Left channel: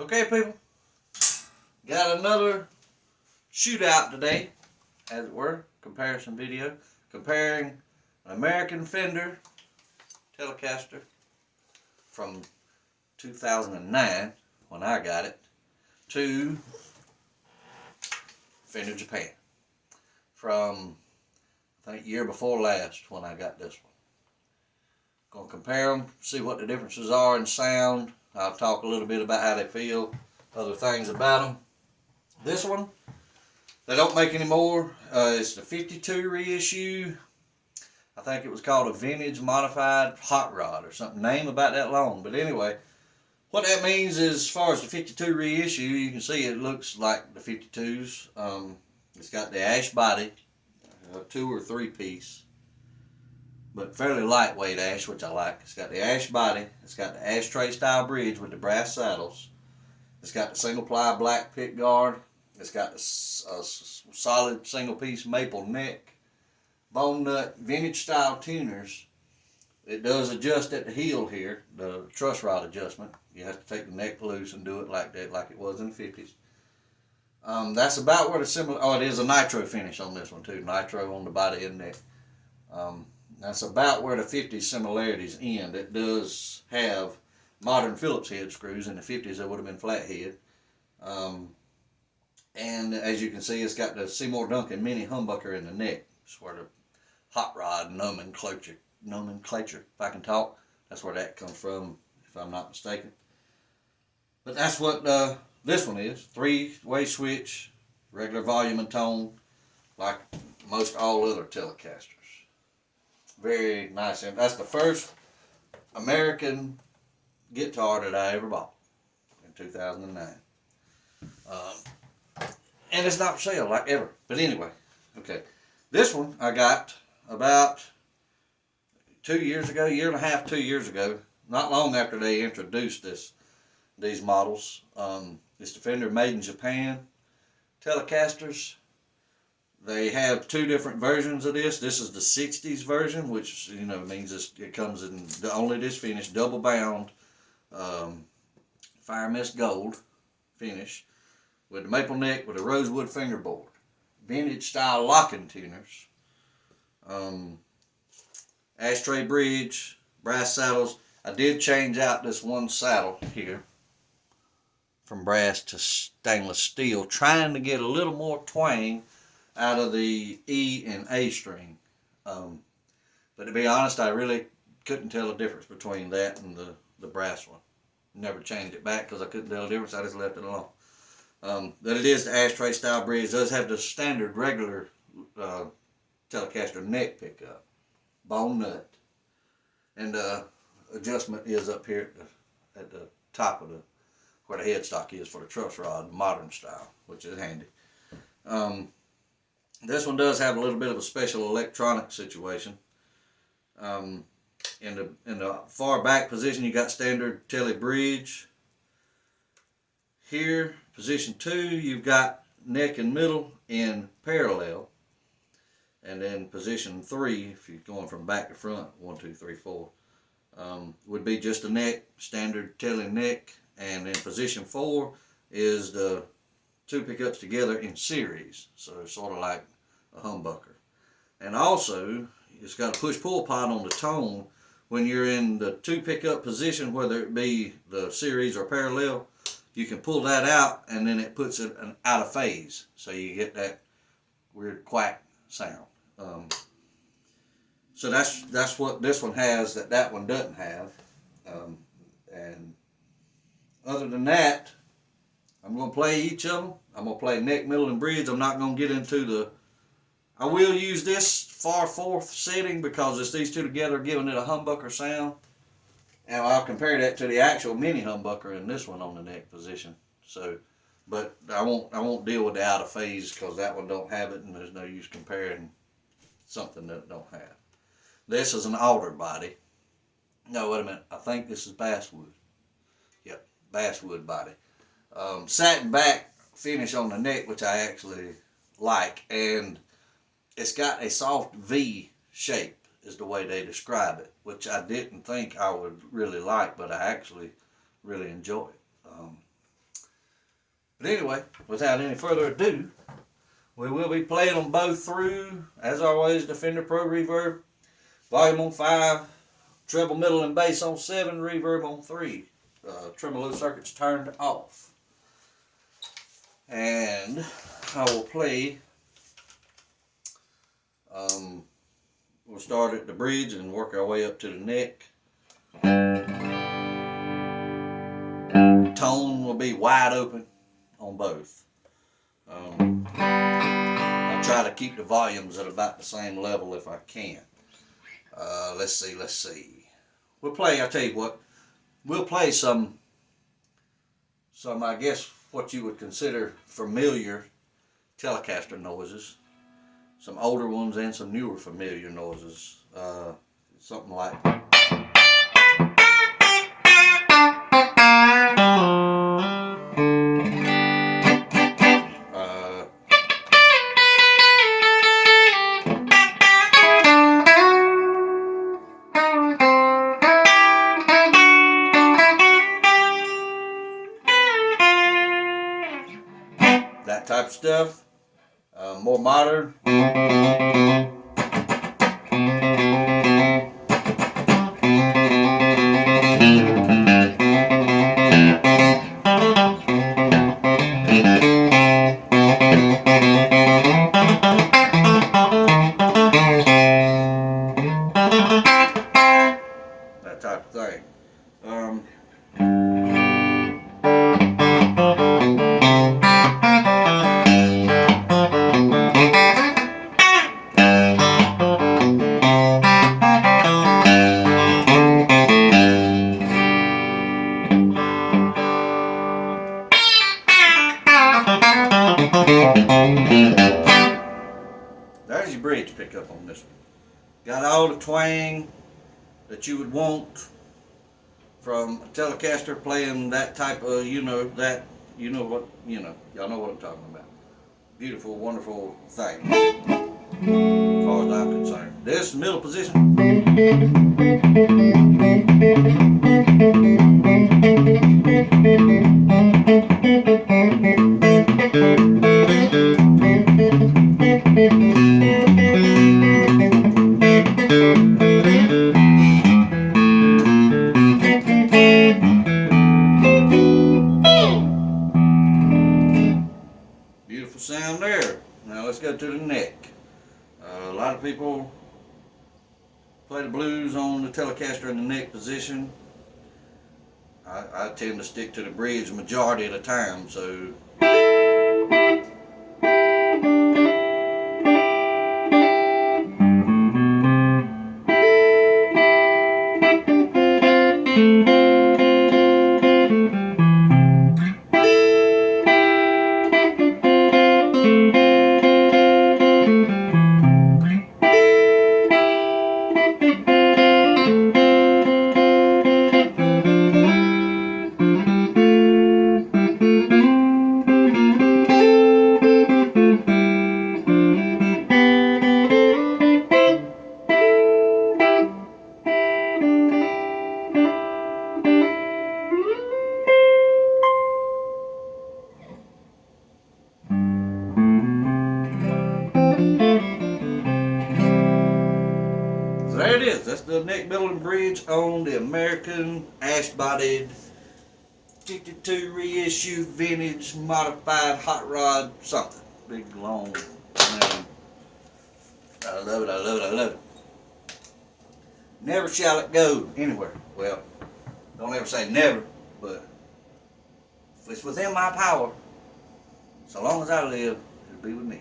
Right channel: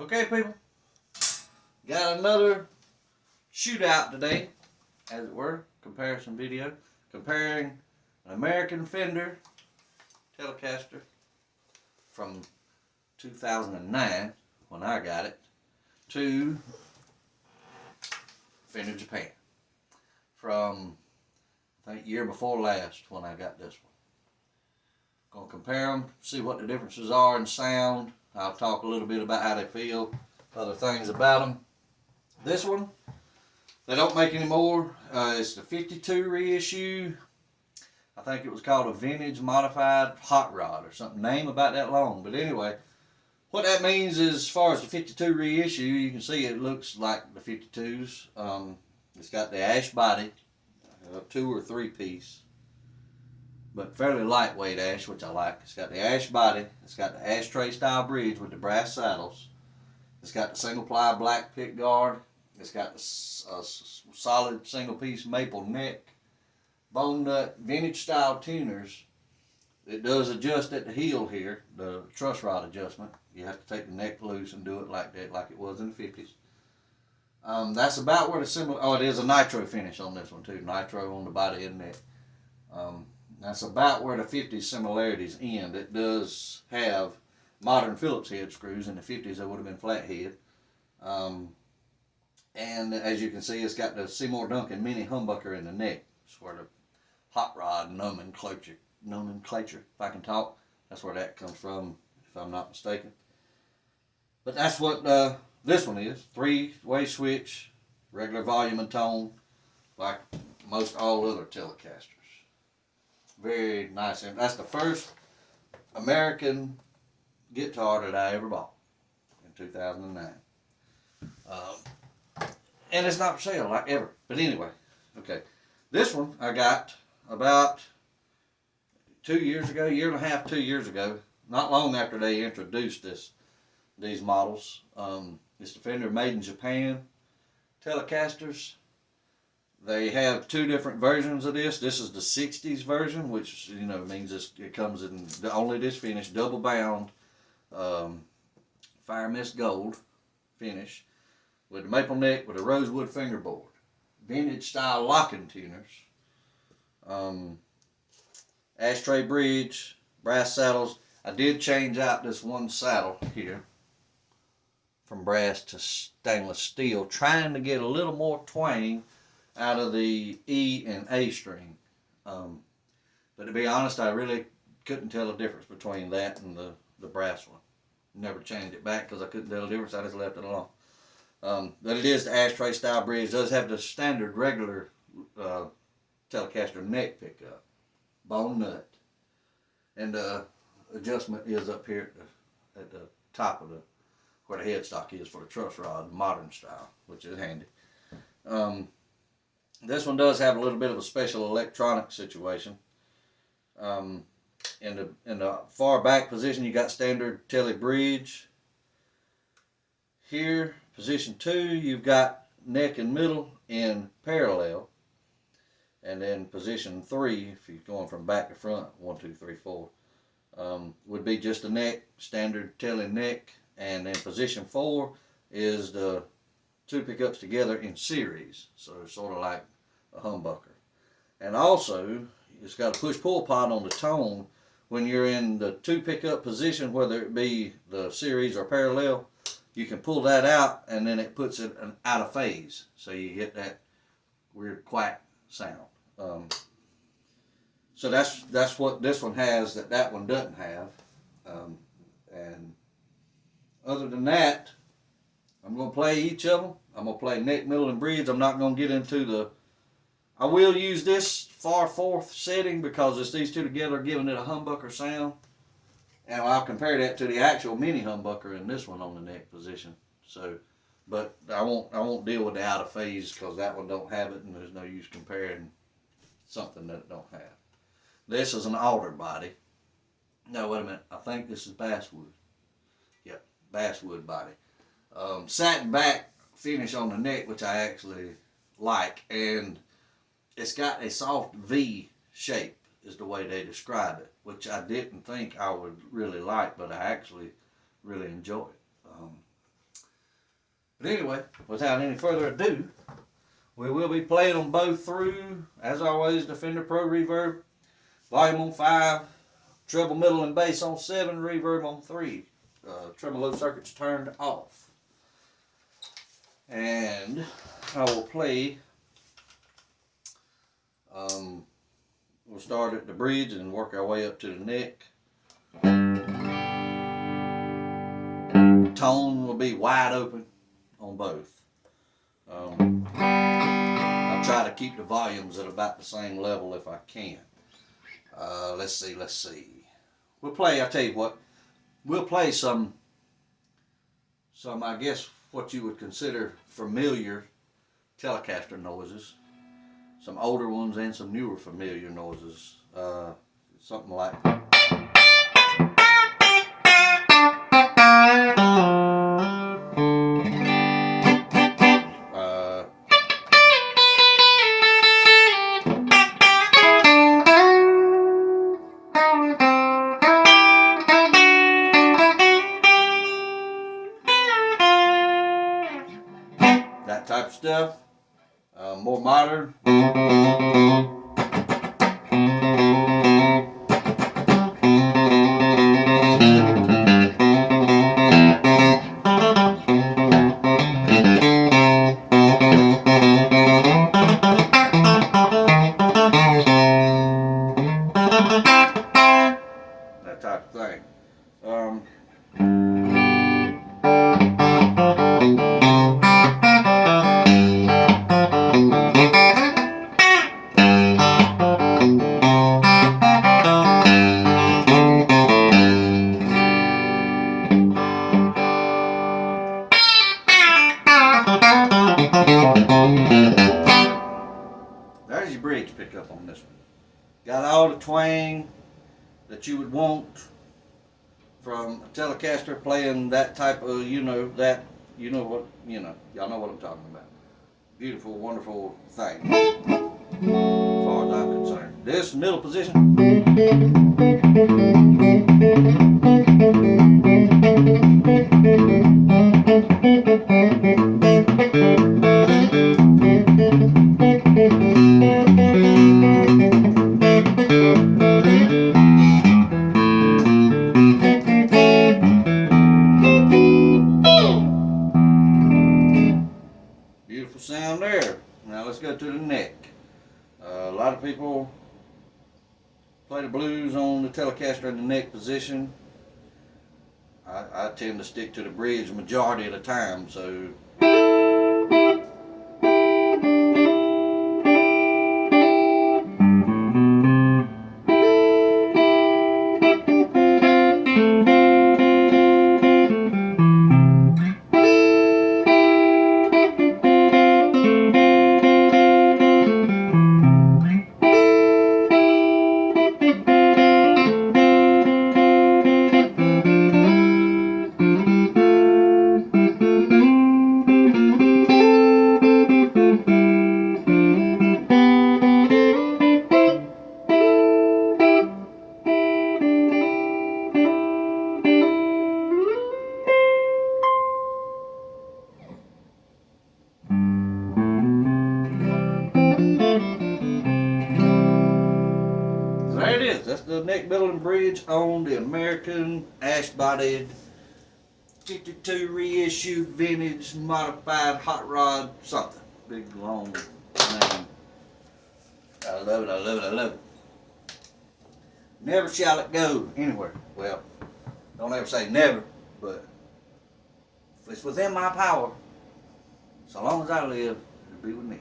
Okay, people, got another shootout today, as it were, comparison video, comparing an American Fender Telecaster from 2009, when I got it, to Fender Japan from, I think, year before last when I got this one. Gonna compare them, see what the differences are in sound. I'll talk a little bit about how they feel, other things about them. This one, they don't make anymore. It's the 52 reissue. I think it was called a vintage modified hot rod or something. Name about that long. But anyway, what that means is, as far as the 52 reissue, you can see it looks like the 52s. It's got the ash body, 2 or 3 piece, but fairly lightweight ash, which I like. It's got the ash body. It's got the ashtray style bridge with the brass saddles. It's got the single ply black pick guard. It's got the solid single piece maple neck, bone nut, vintage style tuners. It does adjust at the heel here, the truss rod adjustment. You have to take the neck loose and do it like that, like it was in the 50s. That's about where the similar, it is a nitro finish on this one too, nitro on the body and neck. That's about where the 50s similarities end. It does have modern Phillips head screws. In the 50s they would have been flat head. And as you can see, it's got the Seymour Duncan mini humbucker in the neck. It's where the hot rod nomenclature, if I can talk, that's where that comes from, if I'm not mistaken. But that's what this one is. 3-way switch, regular volume and tone, like most all other Telecasters. Very nice. And that's the first American guitar that I ever bought in 2009. And it's not for sale, like ever. But anyway, okay. This one I got about 2 years ago, year and a half, 2 years ago. Not long after they introduced these models. It's the Fender Made in Japan Telecasters. They have 2 different versions of this. This is the 60s version, which means it comes in only this finish, double bound, fire mist gold finish, with the maple neck with a rosewood fingerboard, vintage style locking tuners, ashtray bridge, brass saddles. I did change out this one saddle here from brass to stainless steel, trying to get a little more twang out of the E and A string. But to be honest, I really couldn't tell the difference between that and the brass one. Never changed it back because I couldn't tell the difference. I just left it alone. But it is the ashtray style bridge. It does have the standard regular Telecaster neck pickup, bone nut, and the adjustment is up here at the top of where the headstock is for the truss rod, modern style, which is handy. This one does have a little bit of a special electronic situation. In the far back position, you got standard tele bridge. Here, position 2, you've got neck and middle in parallel. And then position 3, if you're going from back to front, 1, 2, 3, 4, would be just a neck, standard tele neck. And then position 4 is the 2 pickups together in series. So it's sort of like a humbucker. And also, it's got a push-pull pod on the tone. When you're in the 2 pickup position, whether it be the series or parallel, you can pull that out and then it puts it out of phase. So you get that weird quack sound. So that's what this one has that one doesn't have. And other than that, I'm going to play each of them. I'm going to play neck, middle, and bridge. I'm not going to get into I will use this far fourth setting because it's these 2 together giving it a humbucker sound. And I'll compare that to the actual mini humbucker in this one on the neck position. So, but I won't deal with the out of phase because that one don't have it, and there's no use comparing something that it don't have. This is an alder body. No, wait a minute. I think this is basswood. Yep, basswood body. Satin back finish on the neck, which I actually like, and it's got a soft V shape is the way they describe it, which I didn't think I would really like, but I actually really enjoy it. But anyway, without any further ado, we will be playing them both through, as always, the Fender Pro Reverb, volume on 5, treble, middle, and bass on 7, reverb on 3. Tremolo circuits turned off. And I will play, we'll start at the bridge and work our way up to the neck. Tone will be wide open on both. I'll try to keep the volumes at about the same level if I can. Let's see. We'll play, I'll tell you what, we'll play some I guess what you would consider familiar Telecaster noises. Some older ones and some newer familiar noises. Something like that type of stuff. More modern. That type of thing. There's your bridge pickup on this one. Got all the twang that you would want from a Telecaster playing that type of, y'all know what I'm talking about. Beautiful, wonderful thing, as far as I'm concerned. This middle position. Beautiful sound there. Now let's go to the neck. A lot of people play the blues on the Telecaster in the neck position. I tend to stick to the bridge majority of the time, so there it is. That's the neck, middle, and bridge on the American ash-bodied 52 reissue vintage modified hot rod something. Big long name. I love it, I love it, I love it. Never shall it go anywhere. Well, don't ever say never, but if it's within my power, so long as I live, it'll be with me.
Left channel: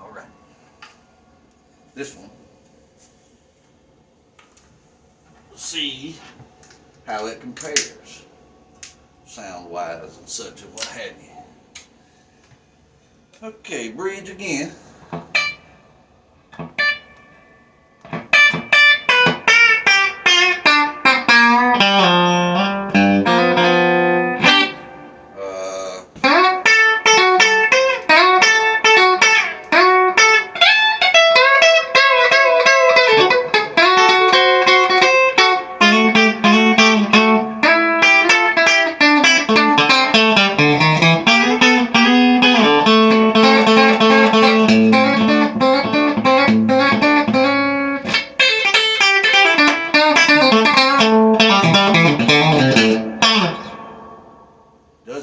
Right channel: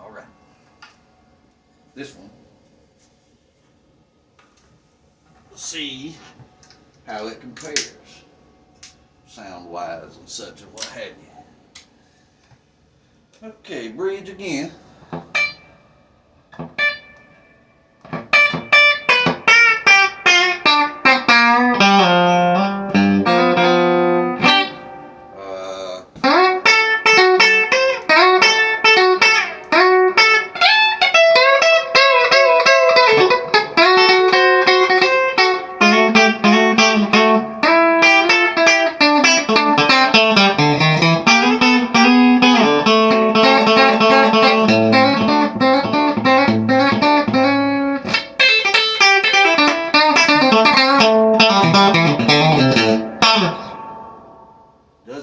All right. This one. See how it compares sound wise and such and what have you. Okay, bridge again.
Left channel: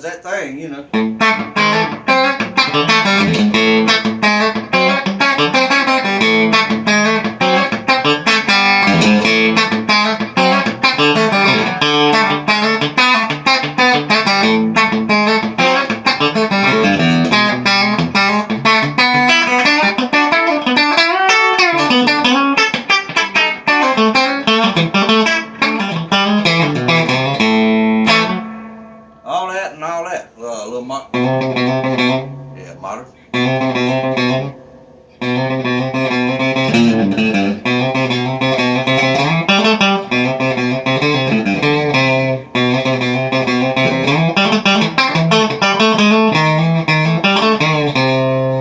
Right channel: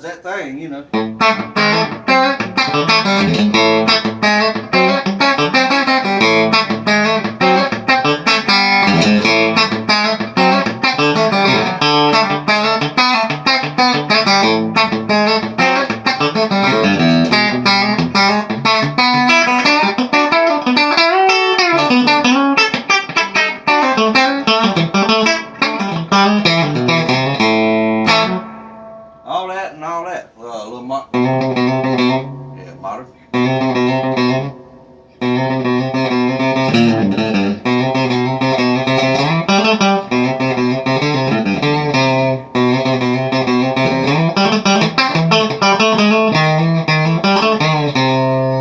that thing, you know. All that and all that. Little yeah, modern.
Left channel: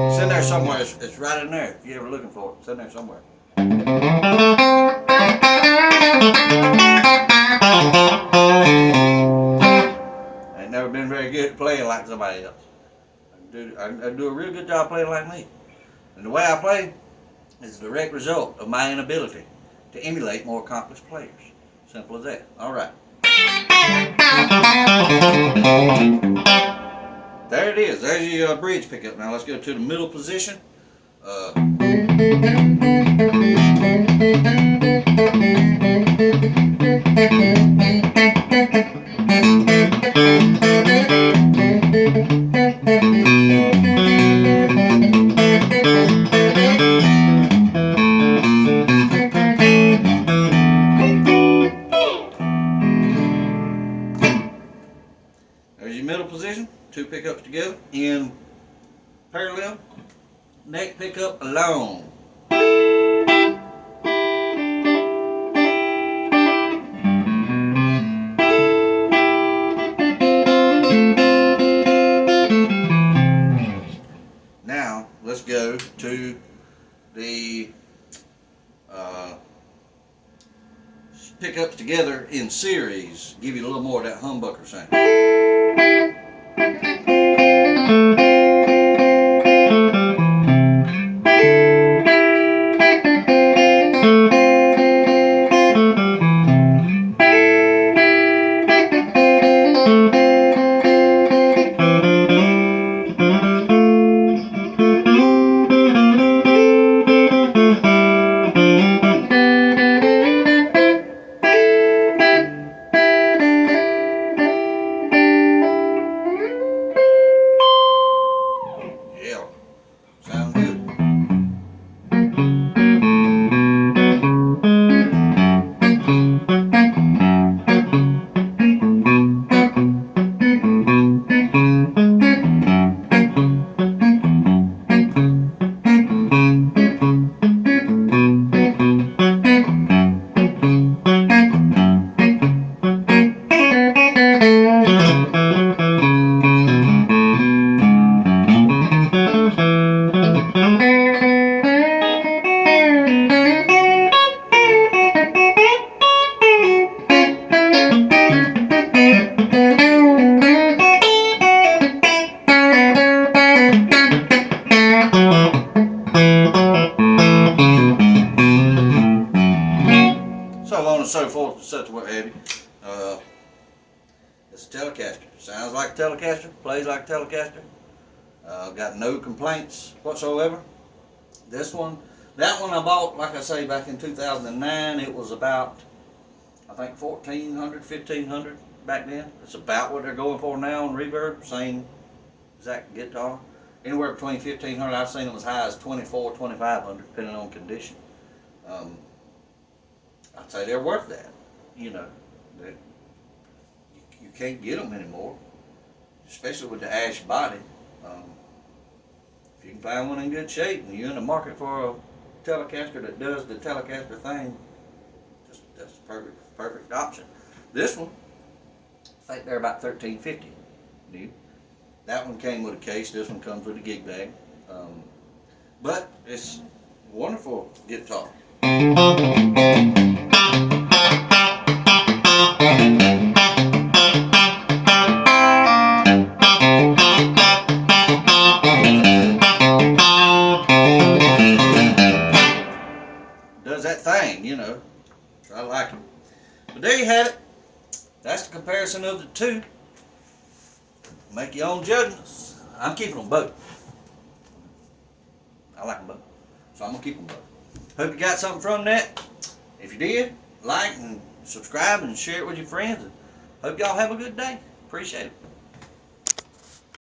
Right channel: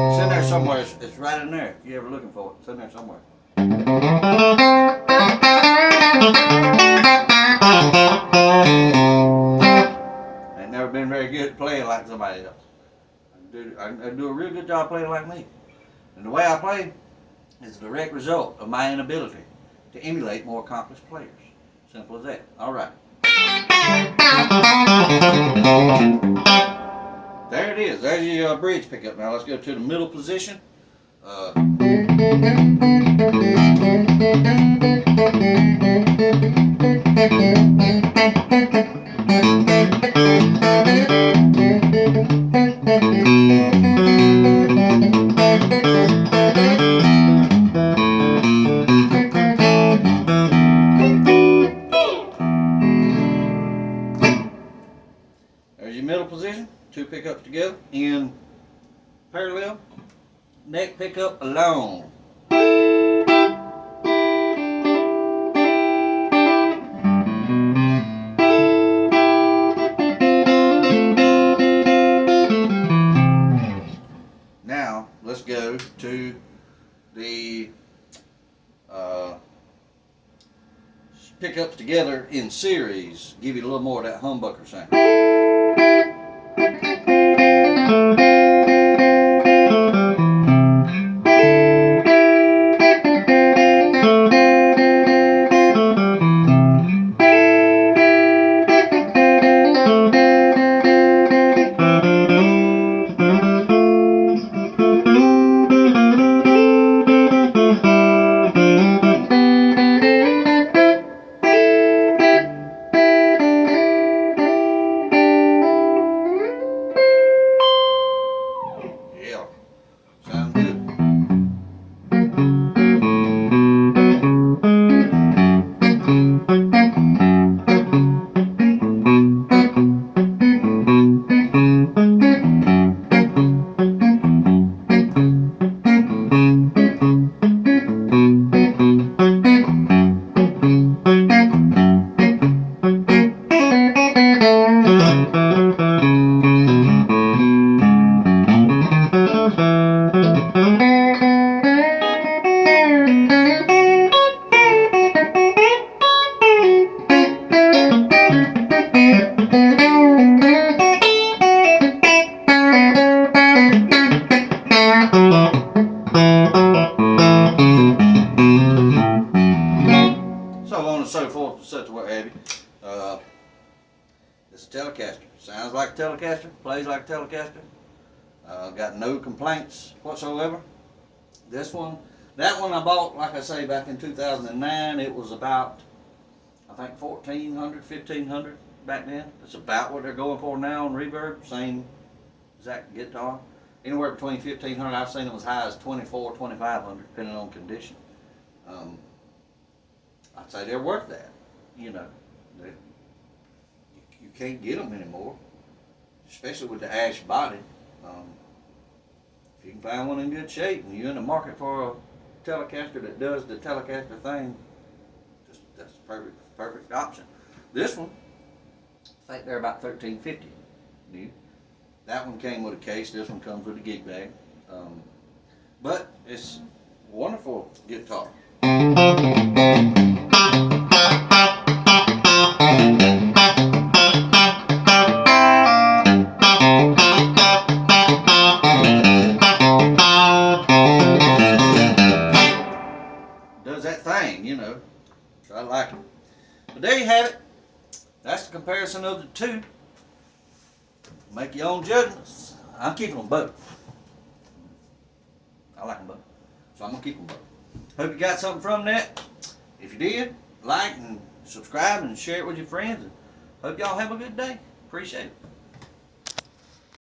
It's in there somewhere. It's right in there. If you're ever looking for it, it's in there somewhere. Ain't never been very good at playing like somebody else. I do a real good job playing like me. And the way I play is a direct result of my inability to emulate more accomplished players. Simple as that. All right. There it is. There's your bridge pickup. Now let's go to the middle position. There's your middle position. Two pickups together in parallel. Neck pickup alone. Now let's go to the pickups together in series. Give you a little more of that humbucker sound. Yeah, sound good. So on and so forth, and such what have you. It's a Telecaster. Sounds like a Telecaster, plays like a Telecaster. Got no complaints whatsoever. This one, that one I bought, like I say, back in 2009. It was about, I think, $1,400, $1,500 back then. It's about what they're going for now on Reverb. Same exact guitar. Anywhere between $1,500. I've seen them as high as $2,400, $2,500, depending on condition. I'd say they're worth that. You know, you can't get them anymore, especially with the ash body. If you can find one in good shape and you're in the market for a Telecaster that does the Telecaster thing, that's a perfect option. This one, I think they're about $1,350 new. That one came with a case. This one comes with a gig bag. But it's a wonderful guitar. Does that thing, you know. So I like it. But there you have it. That's the comparison of the two. Make your own judgments. I'm keeping them both. I like them both. So I'm going to keep them both. Hope you got something from that. If you did, like and subscribe and share it with your friends. And hope y'all have a good day. Appreciate it.